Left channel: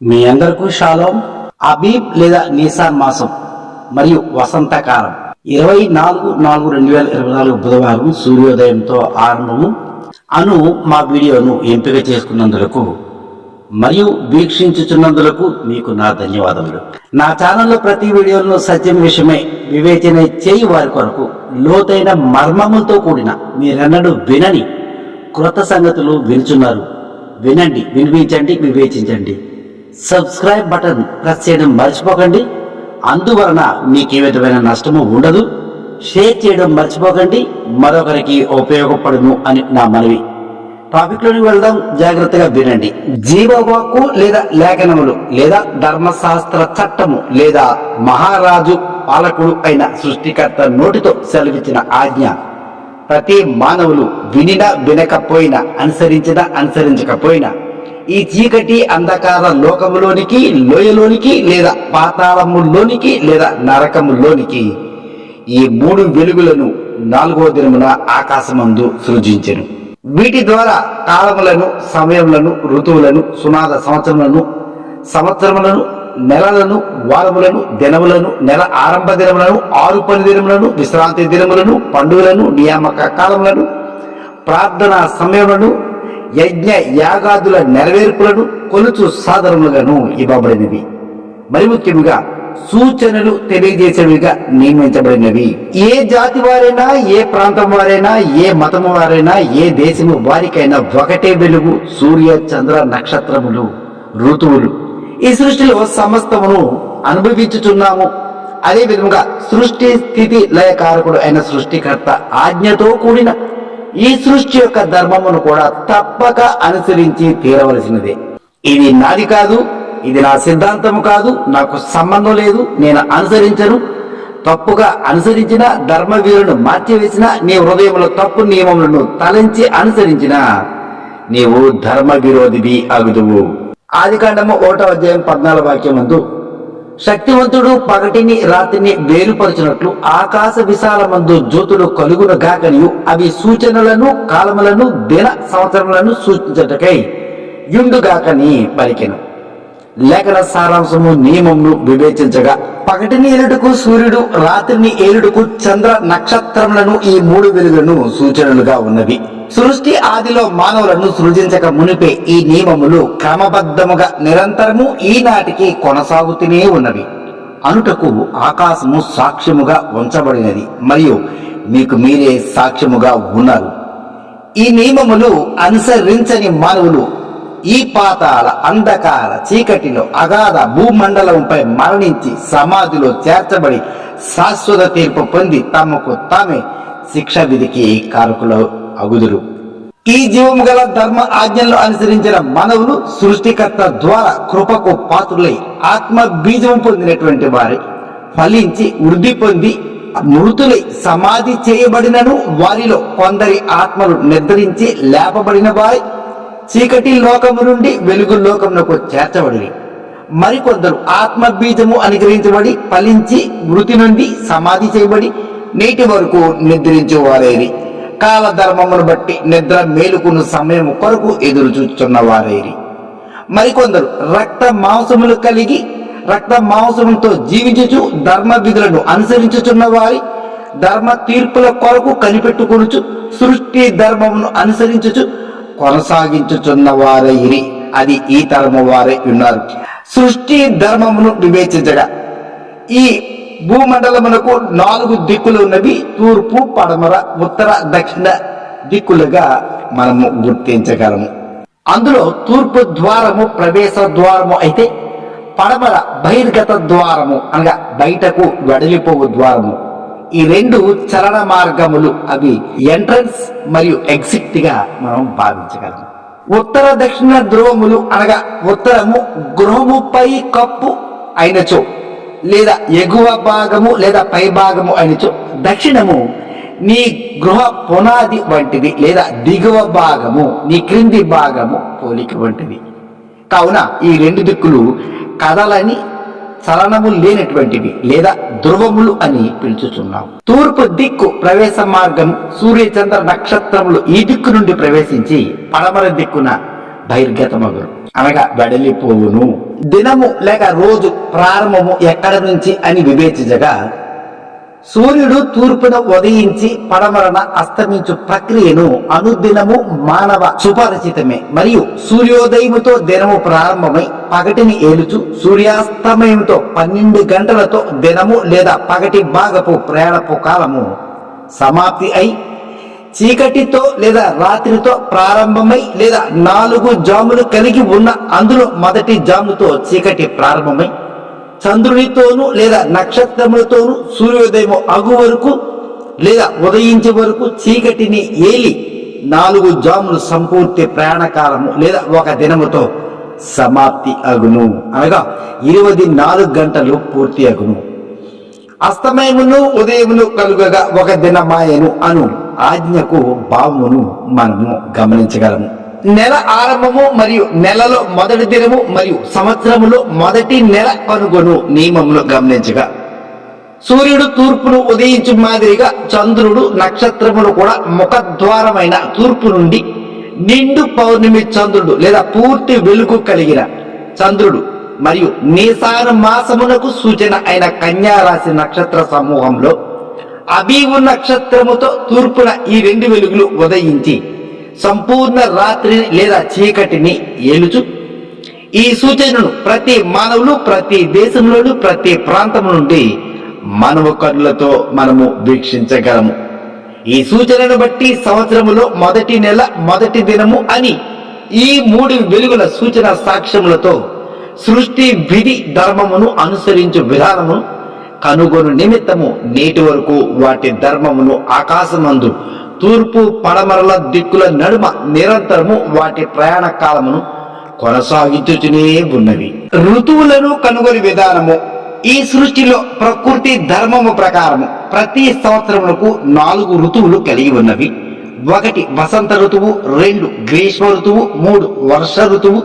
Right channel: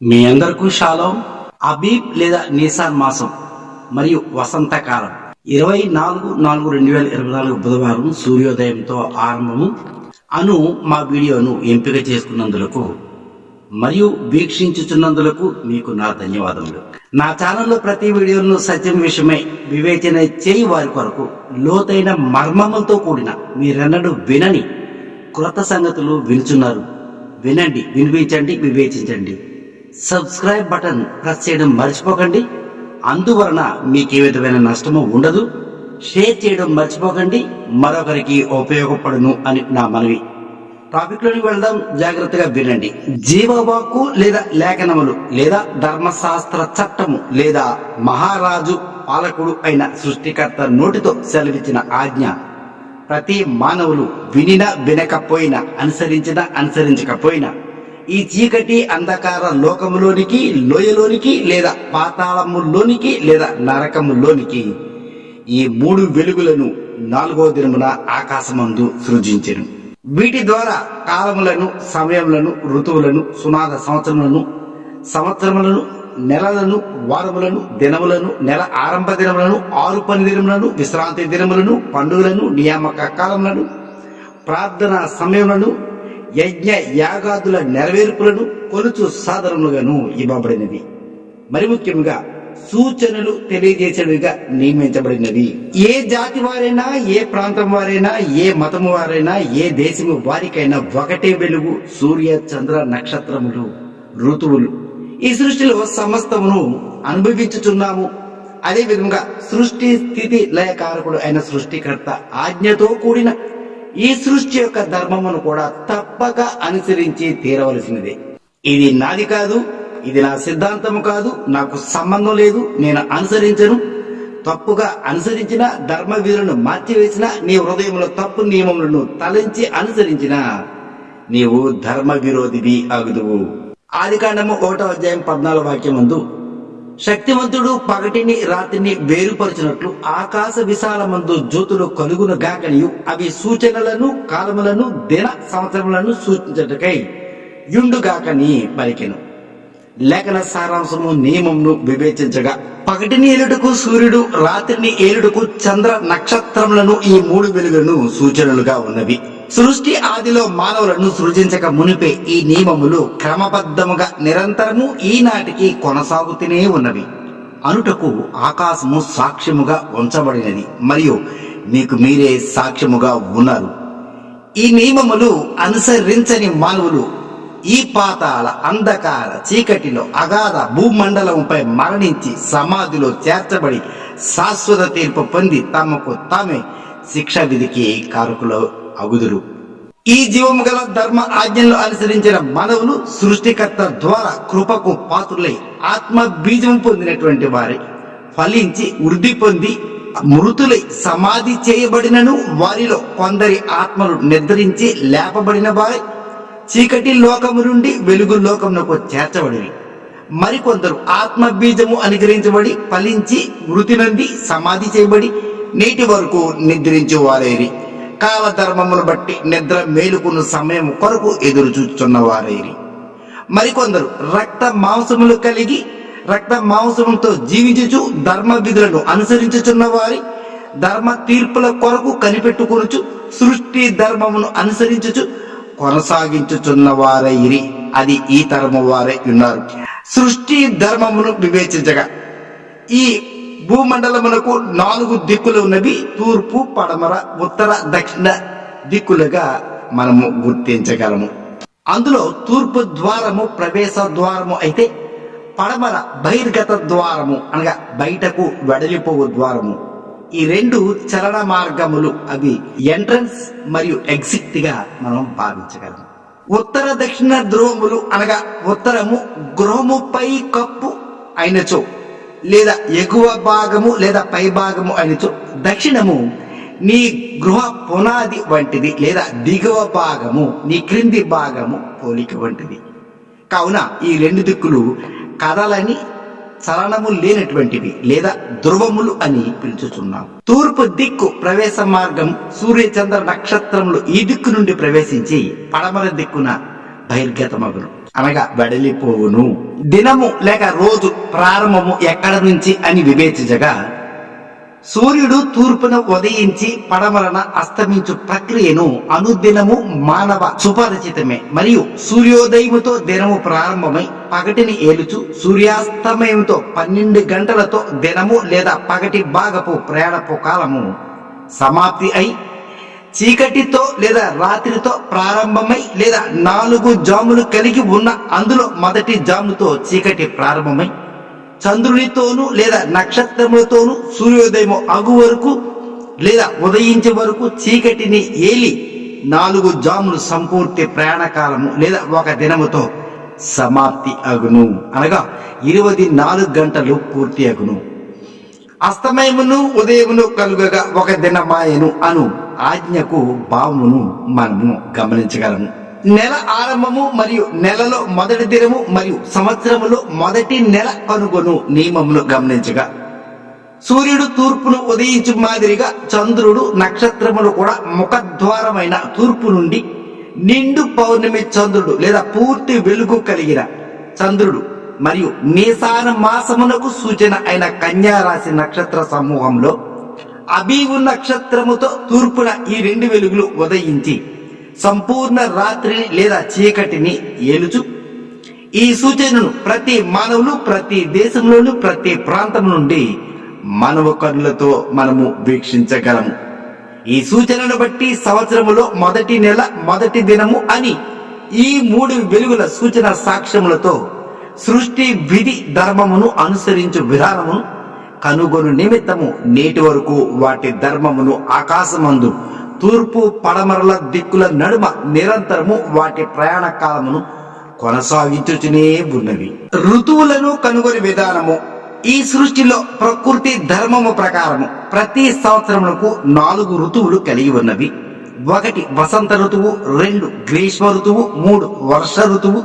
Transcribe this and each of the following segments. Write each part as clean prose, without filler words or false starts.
మీ అందరికీ షాలోం. అబీబ్ లేదా నీసాన్ మాసం మరియు వసంతకాలం 24/4/2024 బుధవారం సూర్యోదయంతో ఆరంభము అను మా వీడియోను ఎంపిక చేసుకున్నందులకు మరియు వీక్షించుచున్నందులకు మీకు నా ధన్యవాదములు. నా ఛానల్లో ప్రతి వీడియోలను సత్యం విషయమై వివేచన చేయి వారి కొరకు లోతైన మర్మములతో కూడిన మీరెన్నడూ వినని క్రొత్త సంగతులు వినుచున్నారు. వినండి, వినిపించండి, వివేచించండి. సబ్స్క్రైబ్ బటన్ ప్రెస్ చేయడం మర్చిపోకండి. అందువలన మీకు ఏ విధమైన నష్టము ఉండదు. షేర్ చేయడం మర్చిపోకండి, మరొకరికి ఉపయోగపడును అని నా మనవి. టాపిక్లోకి వెళ్దాం, జాగ్రత్తగా వినండి. జీవవాక్కు లేదా లేఖనములు లేదా ధర్మశాస్త్ర చట్టము లేదా మహారాజు పాలకుడు అయిన సృష్టికర్త నోటితో సెలవిచ్చిన ఆజ్ఞ ప్రతి మానవులు వినినా వినకపోయినా అనుసరించకపోయినా ఈ చీకటి అంధకార లోకములోనికి, లోయలోనికి లేదా పాతాళములోనికి లేదా నరకములోనికి ఈ 3 వెలుగులను 4వ దినమున ఆకాశమందు సృజించెను. వీటి ద్వారా కాలములను, సమయములను, ఋతువులను, సునాద సంవత్సరములను, నెలలను, వారములను, దినములను, నెల ఆరంభ దినములను, 6 పని దినములను, విశ్రాంతి దినములను, పండుగలను, నియామక కాలములను, ప్రార్థనా సమయములను, యజ్ఞ యాగాదుల నెరవేర్పులను కొలుచు సాధనములుగాను ఇవ్వబడినవి. మరి ముఖ్యంగా సూచనలు తెలియజేసేవిగా నియమించబడినవి. ఏ జాతి వారైనా, ఏ ప్రాంతం వారైనా, ఏ మతము వారైనా, ఏ దేశము వారికైనా ఒకటే వెలుగు, సూర్య చంద్ర నక్షత్రములు, ఋతువులు. ఈ సృష్టిలో సమస్తమును అనుభవించుచున్నాము. అదే విధముగా సృష్టి స్థితి లయకారకుడు అయిన సృష్టికర్త ఆజ్ఞతో కూడిన ఈ సృష్టి యొక్క ధర్మమును కూడా తప్పక అనుసరించి తీరవలసినదే. ఇది నాది కాదు, ఇది నా సిద్ధాంతము కాదు, నాకు సంబంధం లేదు, నేను అనుసరించను. తప్పుగా అనుసరించిన, ధర్మవీరును మార్చివేసిన, నీ హృదయంలో తప్పు నియమములను తలంచి అనుసరించిన నీవు ధర్మ విరోధివి అగుదువు. ఆదికాండము 1వ అధ్యాయం 14వ వాక్యమందు శక్తివంతుడు పగటిని రాత్రిని వేరుపరచినట్లు ఆకాశ విశాలమందు జ్యోతులు కలుగును గాకనియు అవి సూచనలను, కాలములను, దిన సంవత్సరములను సూచించటకై యుండుగాకని పలికెను. లేఖన సారాంశము నియమమును వివేచించగా పగటిని ఏలుటకు సూర్యుడు, రాత్రిని ఏలుటకు చంద్ర నక్షత్రములను ఈ 3 వెలుగులను సూచనలుగా ఉన్నవి. సృష్టి ఆదిలో మానవులను సృజించక మునిపే ఈ నియమములు క్రమబద్ధముగా నిరంతరము ఈనాటికి కొనసాగుతూనే ఉన్నవి అనుటకు ఆకాశము సాక్ష్యముగా ఉంచబడినది మరియు మీకు మీరే సాక్ష్యముగా ఉన్నారు. ఈ నియమములు అనుసరించని మానవులు ఈ పాతాళ అంధకార చీకటిలో అగాధ భూమండలంపై మరణించి సమాధిలో చేర్చబడి శాశ్వత తీర్పు పొంది తమకు తామే శిక్ష విధికి కారకులు అగుదురు. ఈ జీవము గల ధర్మ ఆజ్ఞలను అనుసరించిన మానవులు సృష్టికర్త ద్వారా కృపకు పాత్రులై ఆత్మ బీజము పొందినటువంటి వారి ఫలించి వృద్ధి పొంది మృతులై సమాధి చేయబడినను వారిలో కొందరి ఆత్మలు నిద్రించి లేపబడిన వారి చీకటి లోకము నుండి వెలుగు లోకమునకు చేర్చబడిరి. మరికొందరు ఆత్మ బీజము అనుగ్రహించబడి ఫలించి మృతి నుండి సమాధి చేయబడి నేటి వరకు నిద్రించు వారైరి. కాలధర్మమును బట్టి నిద్ర మేలుకున్న సమయం కొరకు ఎదురు చూస్తున్న వారైరి. మరికొందరు రక్త మాంసములు కలిగి రక్త మాంసములతో జీవించుచు ధర్మ విధులను అనుసరించుచున్న వారి ధర్మ తీర్పుల కొరకు కనిపెట్టుకొనుచు సృష్టి ధర్మమును అనుసరించుచు కొనసాగించుచున్న వారైరి. అది ఈ తరము వారే ఉన్నారు. సృష్టి ధర్మమును వివేచించగా ఈ భూమండలమునకు 4 దిక్కులు ఉన్నవి. తూర్పు, పడమర, ఉత్తర, దక్షిణ దిక్కులుగా మనము గుర్తించగలము. అందులో తూర్పు ద్వారము ప్రవేశ ద్వారము అయితే పడమర బహిర్గత ద్వారము అనగా బయటకు వెడలిపోవు ద్వారము. ఈ 2 చలన మార్గములు, అవి ఎంట్రన్స్ మరియు ఎగ్జిట్ గా మనం భావించగలము. ఉత్తర దక్షిణ ధ్రువములు అనగా ఉత్తరము గృహముపై కప్పు అయినచో లేదా ఎగువ భాగము లేదా పై భాగము అయినచో, దక్షిణము నీ గృహ పునాది వంటిది లేదా దిగువ భాగము నీ క్రింది భాగము పోలిక వంటిది. కావున ఈ 2 దిక్కులు కదలని చలనము లేనటువంటివి లేదా ధ్రువములు అని పిలుచుచున్నాం. తూర్పు దిక్కు ప్రవేశ మార్గం సూర్య చంద్ర నక్షత్రములు ఈ దిక్కు నుండి ప్రవేశించి పడమర దిక్కున బహిర్గతమగును. అనగా వెడలిపోవును. దినము లేక రోజు ప్రారంభము ఎక్కడి నుంచి అని వివేచించగా సూర్యుడు తూర్పున ఉదయించి పడమరన అస్తమించు ప్రక్రియను అనుదినము మానవ సుపరిచితమే. మరియు సూర్యోదయముతో దినము ప్రారంభమై పగటిని ఏలుచు సూర్యాస్తమయంతో 12 గంటలతో దినము లేదా పగటి భాగపు ప్రయాణపు కాలము సమాప్తి అయి చీకటితో లేదా రాత్రితో ప్రారంభమై లేదా 4 జాములు కలిగి ఉన్న అందులో మొదటి జాముతో చీకటి ప్రారంభమై చంద్రునితోనూ లేదా నక్షత్రములతోనూ సూర్యోదయము అగు వరకు లేదా ఉదయించే వరకు చీకటిని ఏలి 4 జాములు సంపూర్తి ప్రయాణకాలము లేదా ఒక దినముతో సమాప్తి అగును. అనగా 24 గంటలు పూర్తి అగును. అస్తమయమును ఉదయమును కలుగగా ఒక దినమాయను అను ఆజ్ఞకు భావమును మనము గమనించగలము. నెల ఆరంభము మరియు నెలలో మొదటి దినము మరియు సంవత్సరములో మొదటి నెల కనుగొను నియమమును గమనించగా సూర్యుడు తూర్పును ఉదయించు మాదిరిగా చంద్రుడు నక్షత్రములు కూడా ముఖద్వారమైన తూర్పు నుండి నిండు పౌర్ణమి చంద్రుడు లేదా పూర్తి వెలుగు కలిగిన చంద్రుడు మరియు నీసాన మాసమునకు సూచన అయిన కన్యా రాశి నక్షత్ర సమూహంలో అబీవు నక్షత్రముతో తూర్పున ఈ 2 వెలుగులు ఉదయించి సంపూర్ణ రాత్రిని లేదా చీకటిని ఏలుచు ఈ సూచనను ప్రతి మానవులు ప్రతి దేశంలోను ప్రతి ప్రాంతం నుండి మానవ కన్నులతో మనము వీక్షించగలము. ఈ సూచనను బట్టి సంవత్సరములో మొదటి నెల మొదటి దినము అని ఈ 3 వెలుగుల సూచన సాక్ష్యములతో సృష్టి విధి ధర్మమును అనుసరించు విధానమును కనుగొను నిమిత్తము నేటి వరకు వాటి ధర్మమును ఆకాశమందు తూర్పు పడమరల దిక్కుల నడుమ నిరంతరము వాటి ప్రయాణ కాలమును కొనసాగించుచునే ఉన్నవి. ఋతువులను కనుగొని విధానము ఈ సృష్టిలో ప్రకృతి ధర్మము ప్రకారము ప్రతి సంవత్సరములకు 4 ఋతువులు కలిగి ఉన్నవి. 1 వసంత ఋతువు, 2 గ్రీష్మ ఋతువు, 3 వర్ష ఋతువు,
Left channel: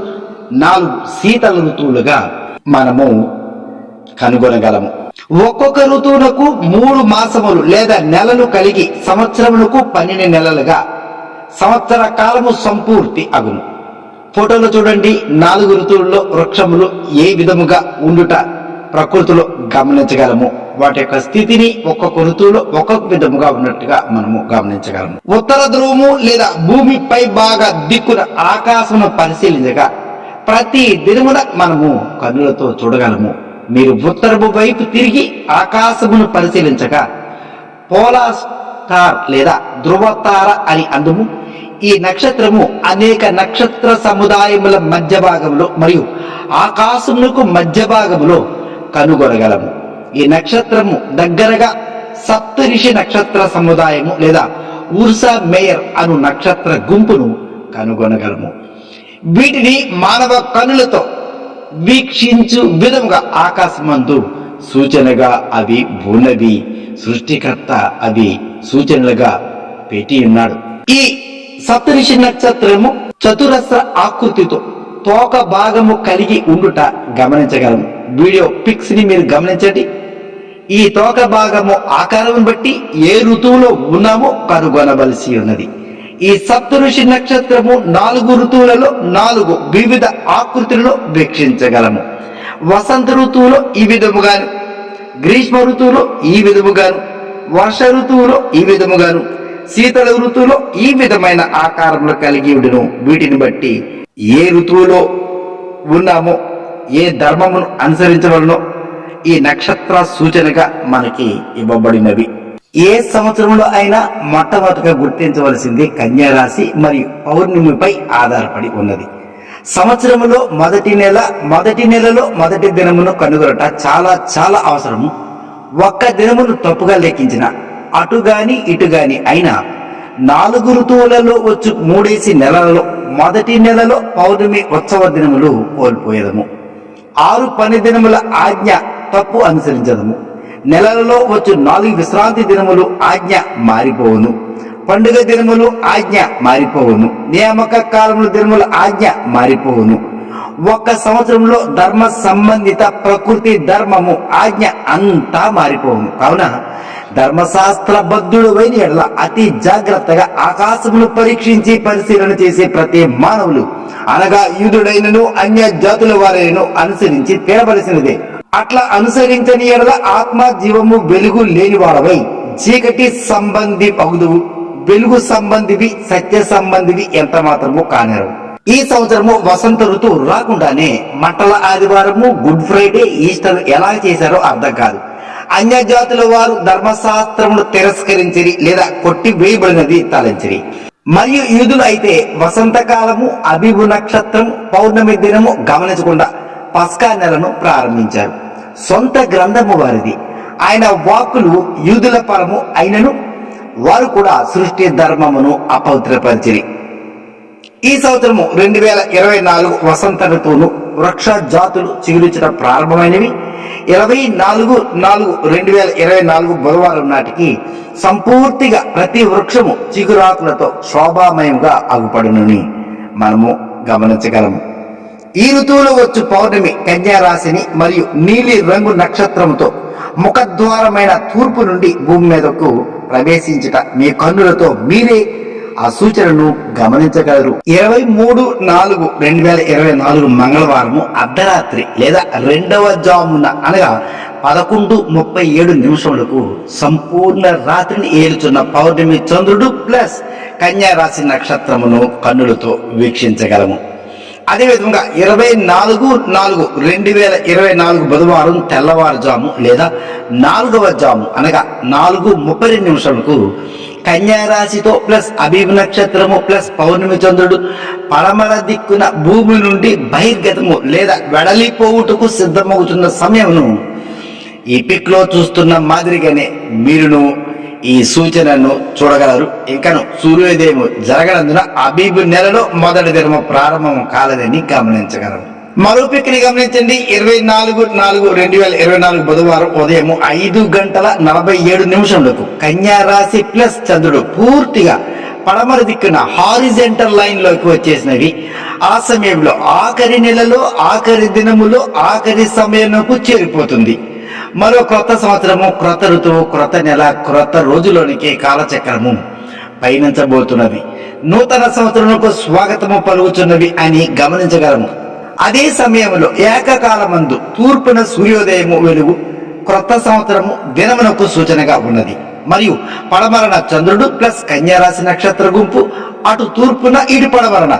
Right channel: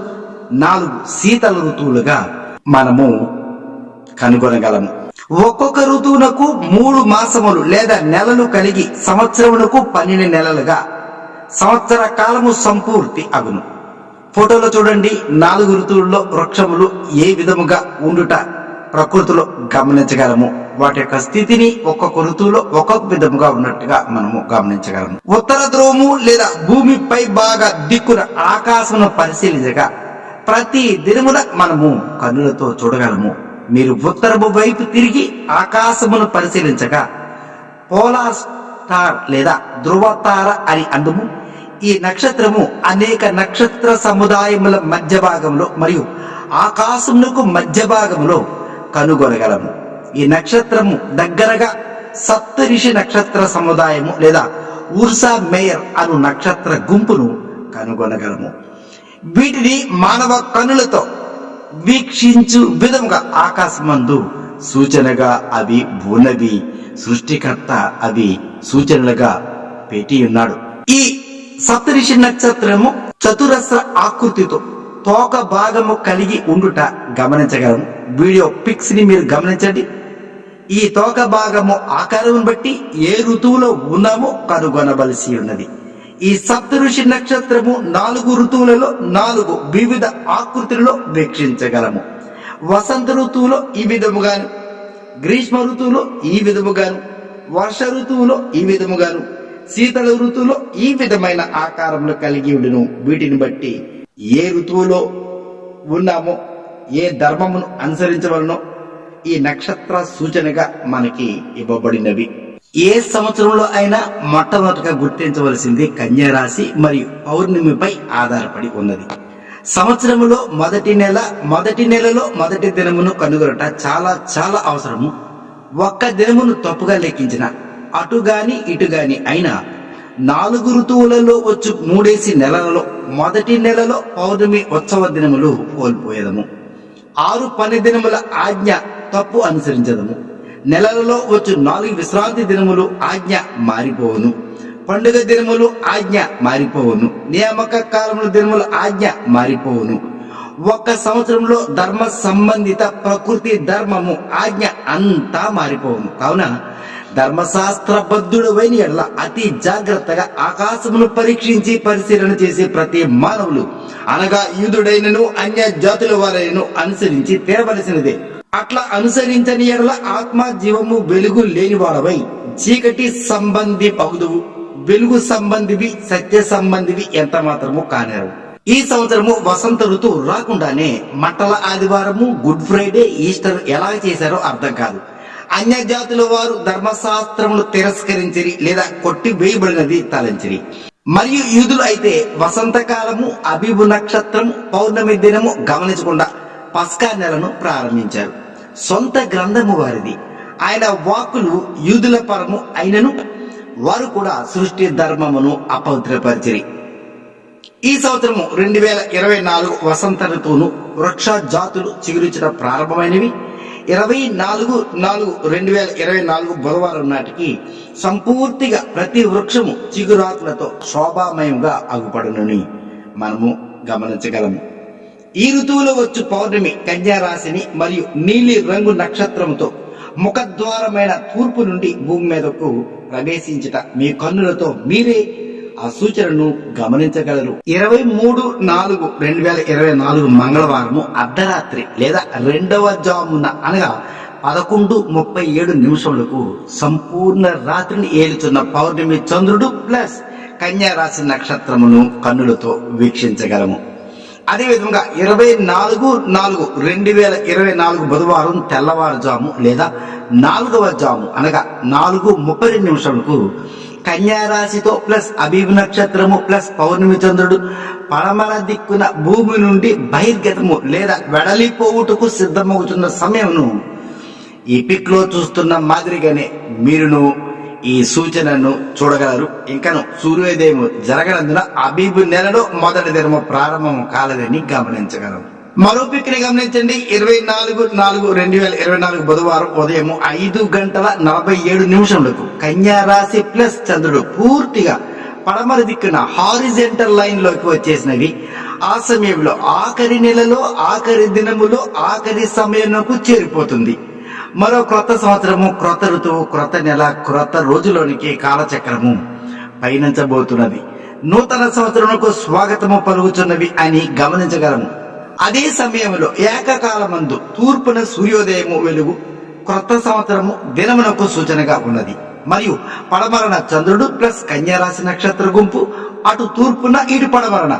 4 శీతల ఋతువులుగా మనము కనుగొనగలము. ఒక్కొక్క ఋతువునకు 3 మాసములు లేదా నెలలు కలిగి సంవత్సరమునకు 12 నెలలుగా సంవత్సర కాలము సంపూర్తి అగును. ఫోటోలో చూడండి, 4 ఋతువుల్లో వృక్షములు ఏ విధముగా ఉండుట ప్రకృతిలో గమనించగలము. వాటి యొక్క స్థితిని ఒక్కొక్క ఋతువులో ఒక్కొక్క విధముగా ఉన్నట్టుగా మనము గమనించగలము. ఉత్తర ధ్రువము లేదా భూమి పై భాగ దిక్కున ఆకాశమును పరిశీలించగా ప్రతి దినమున మనము కన్నులతో చూడగలము. మీరు ఉత్తరపు వైపు తిరిగి ఆకాశమును పరిశీలించగా పోలార్ స్టార్ లేదా ధ్రువతార అని అందుము. ఈ నక్షత్రము అనేక నక్షత్ర సముదాయముల మధ్య భాగంలో మరియు ఆకాశమునకు మధ్య భాగంలో కనుగొనగలము. ఈ నక్షత్రము దగ్గరగా సప్తరిషి నక్షత్ర సముదాయము లేదా ఉర్సా మేయర్ అను నక్షత్ర గుంపును కనుగొనగలము. వీటిని మానవ కనులతో వీక్షించు విధముగా ఆకాశమందు సూచనగా అవి ఉన్నవి. సృష్టికర్త అవి సూచనలుగా పెట్టి ఉన్నాడు. ఈ సప్తరిషి నక్షత్రము చతురస్ర ఆకృతితో తోక భాగము కలిగి ఉండుట గమనించగలము. వీడియో పిక్స్ ని మీరు గమనించండి. ఈ తోక భాగము ఆకారం బట్టి ఏ ఋతువులో ఉన్నామో కనుగొనవలసి ఉన్నది. ఈ సప్తఋషి నక్షత్రము 4 ఋతువులలో 4 వివిధ ఆకృతులను వీక్షించగలము. వసంత ఋతువులో ఈ విధముగాను, గ్రీష్మ ఋతువులో ఈ విధముగాను, వర్ష ఋతువులో ఈ విధముగాను, శీతల ఋతువులో ఈ విధమైన ఆకారంలో కలిగి ఉండును. వీటిని బట్టి ఏ ఋతువులో ఉన్నామో ఏ ధర్మమును అనుసరించవలనో ఈ నక్షత్ర సూచనగా మనకి ఇవ్వబడినవి. ఏ సంవత్సరంలో అయినా మొట్టమొదటిగా గుర్తించవలసింది కన్యా రాశి మరియు పౌర్ణమిపై ఆధారపడి ఉన్నది. సంవత్సరములో మొదటి నెలలో మొదటి దినమును కనుగొనట చాలా చాలా అవసరము. ఒక్క దినమును తప్పుగా లెక్కించిన అటుగాని ఇటుగాని అయినా 4 ఋతువులలో వచ్చు 3 నెలలలో మొదటి నెలలో పౌర్ణమి ఉత్సవ దినములు కోల్పోయేదము. 6 పని దినముల ఆజ్ఞ తప్పు అనుసరించదము. నెలలలో వచ్చు 4 విశ్రాంతి దినములు ఆజ్ఞ మారిపోవును. పండుగ దినములు ఆజ్ఞ మారిపోవును. నియామక కాలముల దినముల ఆజ్ఞ మారిపోవును. ఒక్క సంవత్సరంలో ధర్మ సంబంధిత ప్రకృతి ధర్మము ఆజ్ఞ అంతా మారిపోవును. కావున ధర్మశాస్త్రబద్ధుడైన ఎడల అతి జాగ్రత్తగా ఆకాశమును పరీక్షించి పరిశీలన చేసే ప్రతి మానవులు అనగా యూదుడైనను అన్య జాతుల వారైనను అనుసరించి తీరవలసినదే. అట్లా అనుసరించని ఎడల ఆత్మ జీవము వెలుగు లేనివాడవై చీకటి సంబంధి పగుదువు. వెలుగు సంబంధివి సత్య సంబంధివి ఎంత మాత్రము కానేరు. ఈ సంవత్సరము వసంత ఋతువు రాకుండానే మంటల ఆదివారము, గుడ్ ఫ్రైడే, ఈస్టర్ ఎలా చేశారో అర్థం కాదు. అన్య జాతుల వారు ధర్మశాస్త్రమును తిరస్కరించిరి లేదా కొట్టి వేయబడినది తలంచిరి. మరియు యూదులు అయితే వసంతకాలము, అబీబు నక్షత్రము, పౌర్ణమి దినము గమనించకుండా పస్కా నెలను ప్రారంభించారు. సొంత గ్రంథము వారిది. ఆయన వాక్కులు యూదుల పరము అయినను వారు కూడా సృష్టి ధర్మమును అపవిత్రపరిచిరి. ఈ సంవత్సరము 2024 వసంత ఋతువును వృక్ష జాతులు చిగురించడం ప్రారంభమైనవి. 24/4/2024 బుధవారం నాటికి సంపూర్తిగా ప్రతి వృక్షము చిగురాకులతో శోభామయంగా అగుపడునని మనము గమనించగలము. ఈ ఋతువులో వచ్చు పౌర్ణమి కన్యా రాశిని మరియు నీలి రంగు నక్షత్రంతో ముఖద్వారమైన తూర్పు నుండి భూమి మీదకు ప్రవేశించుట మీ కన్నులతో మీరే ఆ సూచనను గమనించగలరు. 23/4/2024 మంగళవారము అర్ధరాత్రి లేదా రెండవ జామున అనగా 11:37 సంపూర్ణ రాత్రిని ఏలుచున్న పౌర్ణమి చంద్రుడు ప్లస్ కన్యా రాశి నక్షత్రమును కన్నులతో వీక్షించగలము. అదేవిధంగా 24/4/2024 బుధవారం తెల్లవారుజాము లేదా 4వ జాము అనగా 4:32 కన్యా రాశితో ప్లస్ అబీబ్ నక్షత్రము ప్లస్ పౌర్ణమి చంద్రుడు పడమర దిక్కున భూమి నుండి బహిర్గతము లేదా వెడలిపోవుటకు సిద్ధమవుతున్న సమయమును ఈ పిక్ లో చూస్తున్న మాదిరిగానే మీరును ఈ సూచనను చూడగలరు. ఇంకను సూర్యోదయం జరగనందున అబీబు నెలలో మొదటి దినము ప్రారంభం కాలేదని గమనించగలరు. మరో పిక్ని గమనించండి. 24/4/2024 బుధవారం ఉదయం 5:47 కన్యా రాశి ప్లస్ చంద్రుడు పూర్తిగా పడమర దిక్కున హారిజెంటల్ లైన్ లోకి వచ్చేసినవి. ఆ సమయంలో ఆఖరి నెలలో ఆఖరి దినములో ఆఖరి సమయంకు చేరిపోతుంది. మరో క్రొత్త సంవత్సరము, క్రొత్త ఋతువు, క్రొత్త నెల, క్రొత్త రోజులోనికి కాలచక్రము పయనించబోతున్నది. నూతన సంవత్సరములకు స్వాగతము పలుకుతున్నవి అని గమనించగలము. అదే సమయంలో ఏకకాలమందు తూర్పున సూర్యోదయము వెలుగు క్రొత్త సంవత్సరము దినమునకు సూచనగా ఉన్నది. మరియు పడమరన చంద్రుడు ప్లస్ కన్యా రాశి నక్షత్ర గుంపు అటు తూర్పున ఇటు పడమరన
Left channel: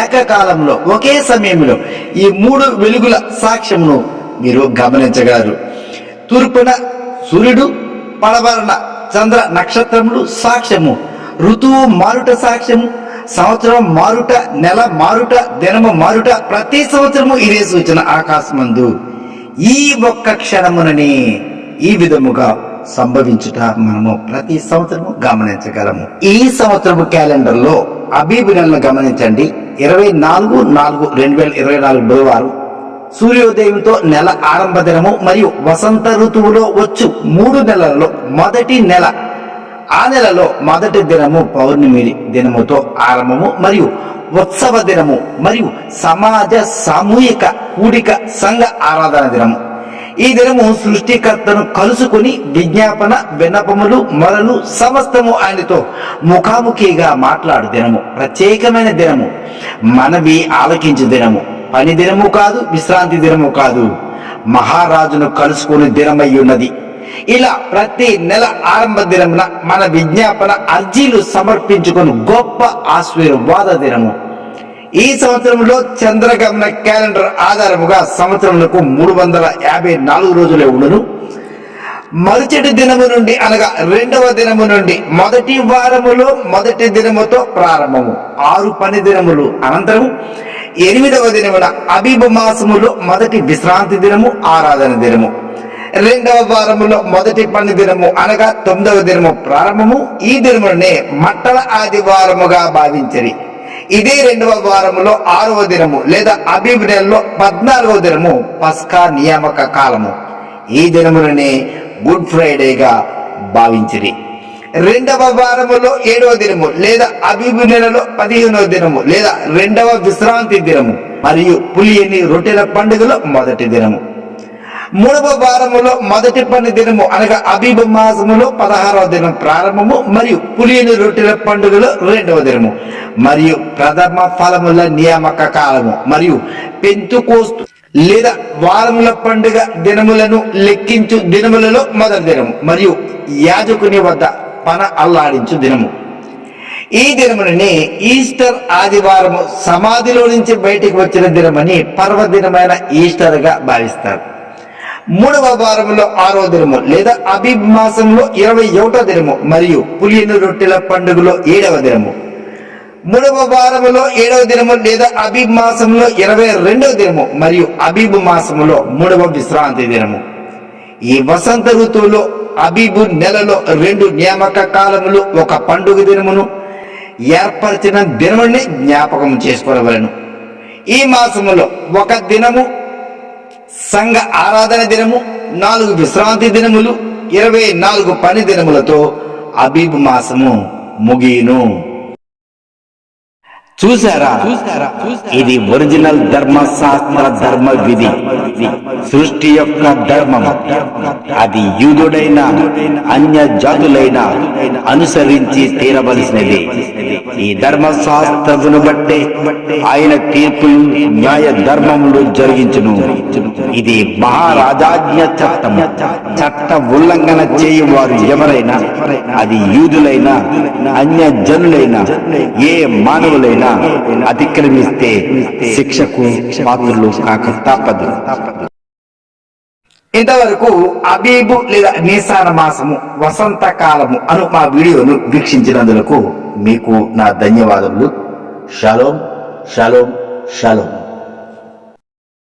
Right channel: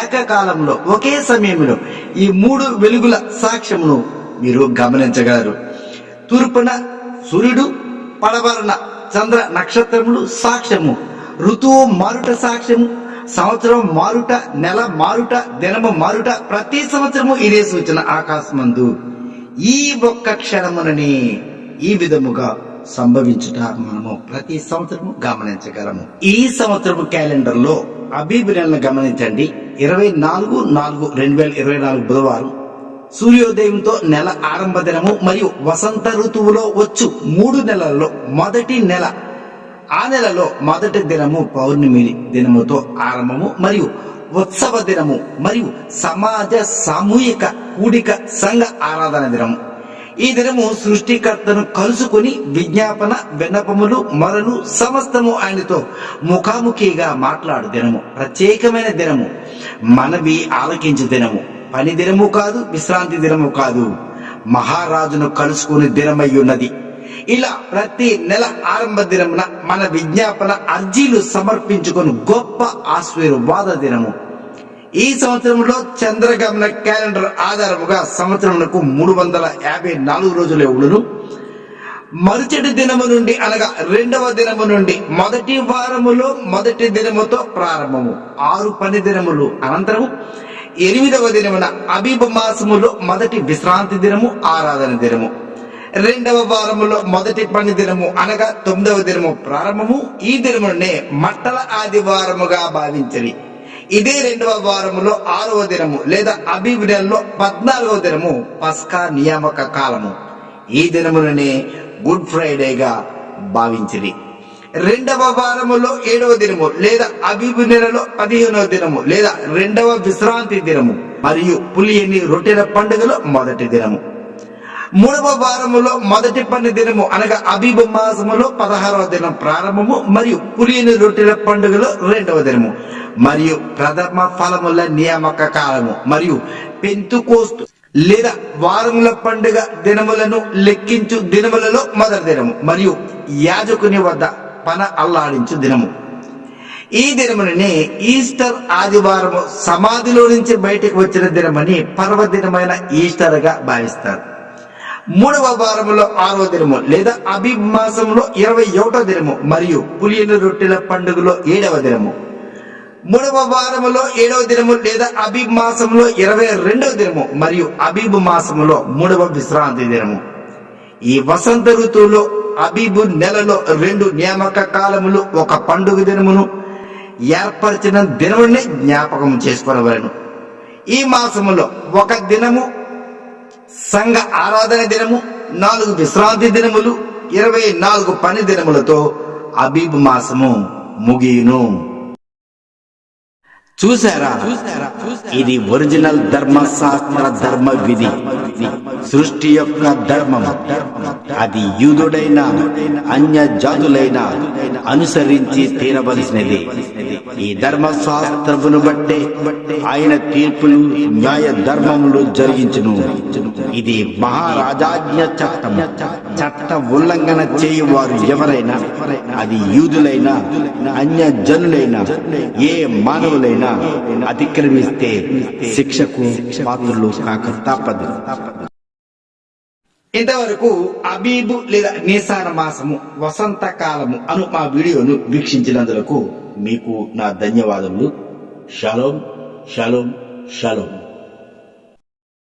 ఏకకాలంలో ఒకే సమయంలో ఈ 3 వెలుగుల సాక్ష్యమును మీరు గమనించగలరు. తూర్పున సూర్యుడు, పడమరన చంద్ర నక్షత్రములు సాక్ష్యము, ఋతువు మారుట సాక్ష్యము, సంవత్సరం మారుట, నెల మారుట, దినము మారుట, ప్రతి సంవత్సరము ఇదే సూచన ఆకాశమందు ఈ ఒక్క క్షణమునని ఈ విధముగా సంభవించుట మనము ప్రతి సంవత్సరము గమనించగలము. ఈ సంవత్సరము క్యాలెండర్ లో అబీబు నెలను గమనించండి. 24/4/2024 బుధవారం సూర్యోదయంతో నెల ఆరంభ దినము మరియు వసంత ఋతువులో వచ్చు 3 నెలలలో మొదటి నెల. ఆ నెలలో మొదటి దినము పౌర్ణమి దినముతో ఆరంభము మరియు ఉత్సవ దినము మరియు సమాజ సామూహిక కూడిక సంఘ ఆరాధన దినము. ఈ దినము సృష్టికర్తను కలుసుకుని విజ్ఞాపన, విన్నపములు, మొరలు సమస్తము ఆయనతో ముఖాముఖిగా మాట్లాడు దినము. ప్రత్యేకమైన దినము, మనవి ఆలకించు దినము. పని దినము కాదు, విశ్రాంతి దినము కాదు, మహారాజును కలుసుకుని దినమై ఉన్నది. ఇలా ప్రతి నెల ఆరంభ దినమున మన విజ్ఞాపన అర్జీలు సమర్పించుకొని గొప్ప ఆశీర్వాద దినము. ఈ సంవత్సరంలో చంద్రగమన క్యాలెండర్ ఆధారముగా సంవత్సరములకు 354 రోజులే ఉండును. మరుసటి దినము నుండి అనగా 2వ దినము నుండి మొదటి వారములో మొదటి దినముతో ప్రారంభము. 6 పని దినములు అనంతరము 8వ దినమున అబీబు మాసములో మొదటి విశ్రాంతి దినము, ఆరాధన దినము. 2వ వారములో మొదటి పని దినము అనగా 9వ దినము ప్రారంభము. ఈ దినమునే మట్టల ఆదివారముగా భావించరి. ఇదే 2వ వారములో 6వ దినము లేదా అబీబ్ నెలలో 14వ దినము పస్కా నియామక కాలము. ఈ దినములనే గుడ్ ఫ్రైడేగా భావించిరి. 2వ వారములో 7వ దినము లేదా అబీబు నెలలో 15వ దినము లేదా 2వ విశ్రాంతి దినము మరియు పులియని రొట్టెల పండుగలో మొదటి దినము. మూడవ వారములో మొదటి పని దినము అనగా అబీబు మాసములో 16వ దినం ప్రారంభము, మరియు పులియని రొట్టెల పండుగలో 2వ దినము, మరియు ప్రథమ ఫలముల నియామక కాలము, మరియు పెంతుకోస్తు లేదా వారముల పండుగ దినములను లెక్కించు దినములలో మొదటి దినము, మరియు యాజకుని వద్ద పన అల్లాడించు దినము. ఈ దినముని ఈస్టర్ ఆదివారము సమాధిలో నుంచి బయటికి వచ్చిన దినమని పర్వదినమైన ఈస్టర్ గా భావిస్తారు. మూడవ వారములో 6వ దినము లేదా అబీబ్ మాసంలో 21వ దినము, మరియు పులియని రొట్టెల పండుగలో 7వ దినము. మూడవ వారములో 7వ దినము లేదా అబీబ్ మాసంలో 22వ దినము, మరియు అబీబ్ మాసములో 3వ విశ్రాంతి దినము. ఈ వసంత ఋతువులో అబీబు నెలలో 2 నియామక కాలములు, ఒక పండుగ దినమును ఏర్పరిచిన దినముని జ్ఞాపకం చేసుకోవలను. ఈ మాసములో 1 దినము సంఘ ఆరాధన దినము, 4 విశ్రాంతి దినములు, 24 పని దినములతో అబీబ్ మాసము ముగియును. చూసారా, ఇది ఒరిజినల్ ధర్మశాస్త్ర ధర్మ విధి, సృష్టి యొక్క ధర్మం. అది యూదుడైన అన్య జాతులైన అనుసరించి తీరవలసినది. ఈ ధర్మశాస్త్రమును బట్టే ఆయన తీర్పులు న్యాయ ధర్మములు జరిగించును. ఇది మహారాజాజ్ఞ చట్టము. చట్ట ఉల్లంఘన చేయువారు ఎవరైనా, అది యూదులైన అన్య జనులైన ఏ మానవులైనా అతిక్రమిస్తే శిక్షకు పాత్రులు కాక తప్పదు. ఇంతవరకు అబీబు లేదా నీసాన మాసము వసంత కాలము అను మా వీడియోను వీక్షించినందుకు మీకు నా ధన్యవాదములు. Shalom shalom shalom.